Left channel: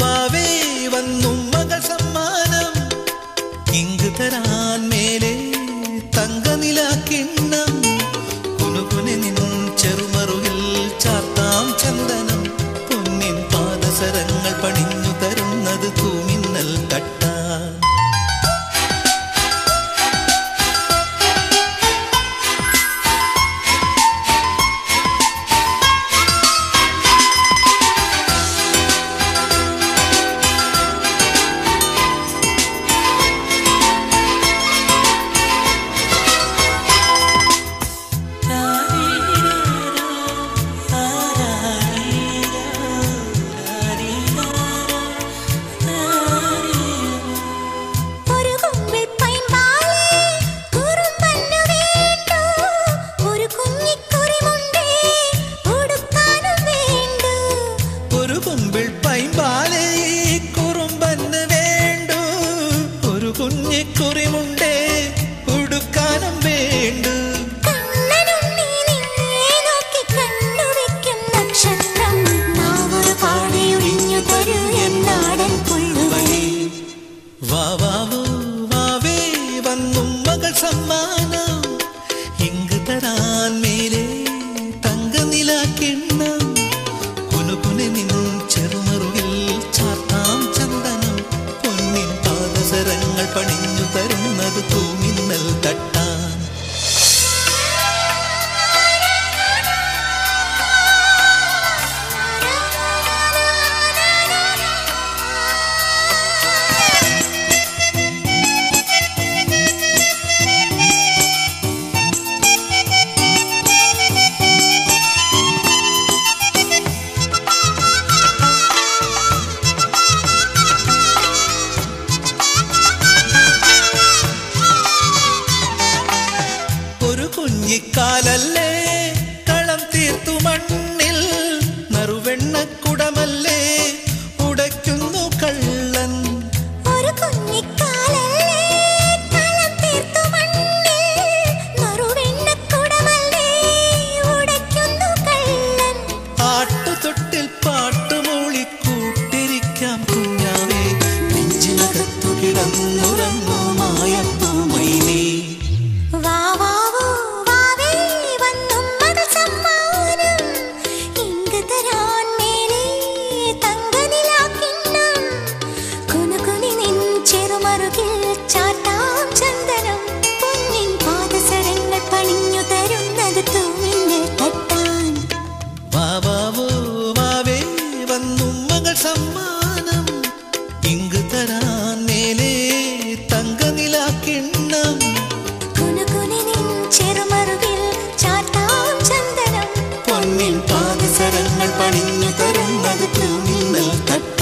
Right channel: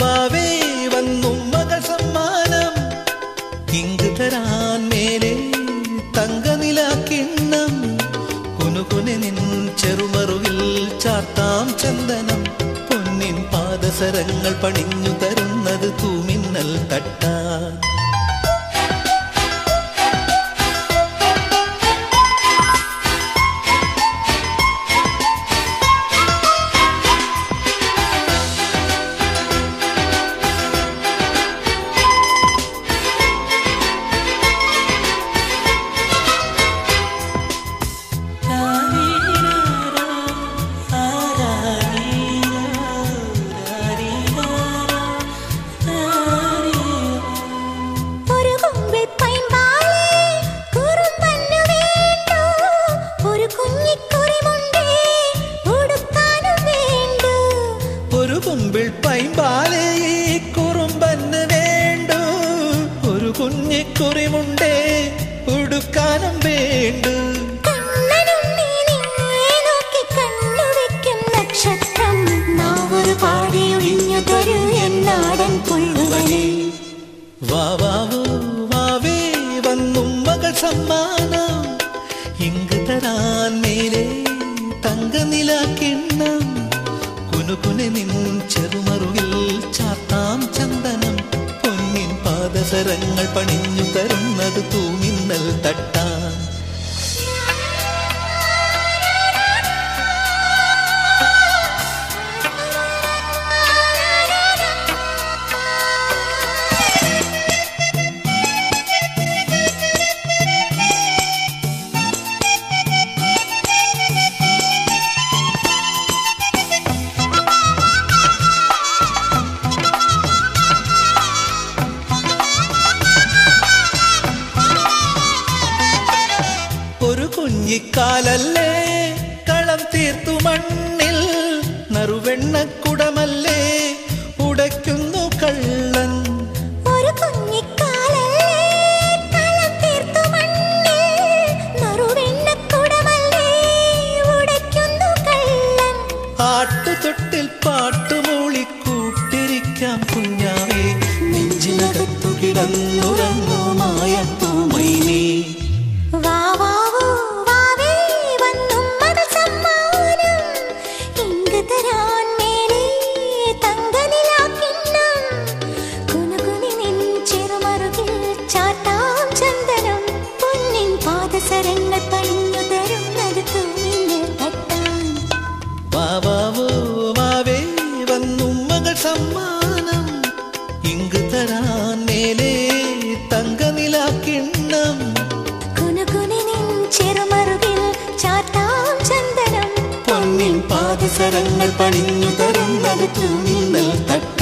വാവേ വന്നു മകൾ സമ്മാനം ഇങ്ക് തരാൻ മേലെ തങ്കനില കിണ്ണം കുനുകുനെ നിൻ ചെറുമറുകിൽ ചാർത്താം ചന്ദനം പൊന്നിൻ പാദസരങ്ങൾ പണിഞ്ഞു തരുന്നത് തൂമിന്നൽ തട്ടാൻ കുമ്പിൾ പൈമ്പാലേ കുറുമ്പന്ന് വേണ്ടു ഒരു കുഞ്ഞിക്കുറിമുണ്ടേ ഉടുക്കാനും വേണ്ടു നക്ഷത്രം നാവൊരു പാടിയൊഴിഞ്ഞു തരൂ എന്നാടൻ പുള്ളുവനെ വാവാവോ വാവേ വന്നും മകൾ സമ്മാനം ഇങ്ക് തരാൻ മേലെ തങ്കനില കിണ്ണം കുനുകുനെ നിൻ ചെറുമറുകിൽ ചാർത്താം ചന്ദനം പൊന്നിൻ പാദസരങ്ങൾ പണിഞ്ഞു തരുന്നത് തൂമിന്നൽ തട്ടാൻ ഒരു കുഞ്ഞിക്കാലല്ലേ കളം തീർത്തു മണ്ണിൽ നറുവെണ്ണക്കുടമല്ലേ ഉടയ്ക്കുന്നു കള്ളൻ ഒരു കുഞ്ഞിക്കാലല്ലേ കളം തീർത്തു മണ്ണിൽ നറുവെണ്ണക്കുടമല്ലേ ഉടയ്ക്കുന്നു കള്ളൻ ആട്ടുതൊട്ടിൽ പാട്ടുമൂളി കൂട്ടിരിക്കാം കുഞ്ഞാവേ നെഞ്ചിനകത്തു കിടന്നുറങ്ങൂ മായപ്പൂമൈനേ വാവാവോ വാവേ വന്നും മകൾ സമ്മാനം ഇങ്ക് തരാൻ മേലെ തങ്കനില കിണ്ണം കുനുകുനി നിൻ ചെറുമറുകിൽ ചാർത്താം ചന്ദനം പൊന്നിൻ പാദസരങ്ങൾ പണിഞ്ഞു തരുന്നത് തൂമിന്നൽ തട്ടാൻ വാവാവോ വാവേ വന്നും മകൾ സമ്മാനം ഇങ്ക് തരാൻ മേലെ തങ്കനില കിണ്ണം ചെറുമറുകിൽ ചാർത്താം ചന്ദനം പൊന്നിൻ പാദസരങ്ങൾ പണിഞ്ഞു തരുന്നത് തൂമിന്നൽ തട്ടാൻ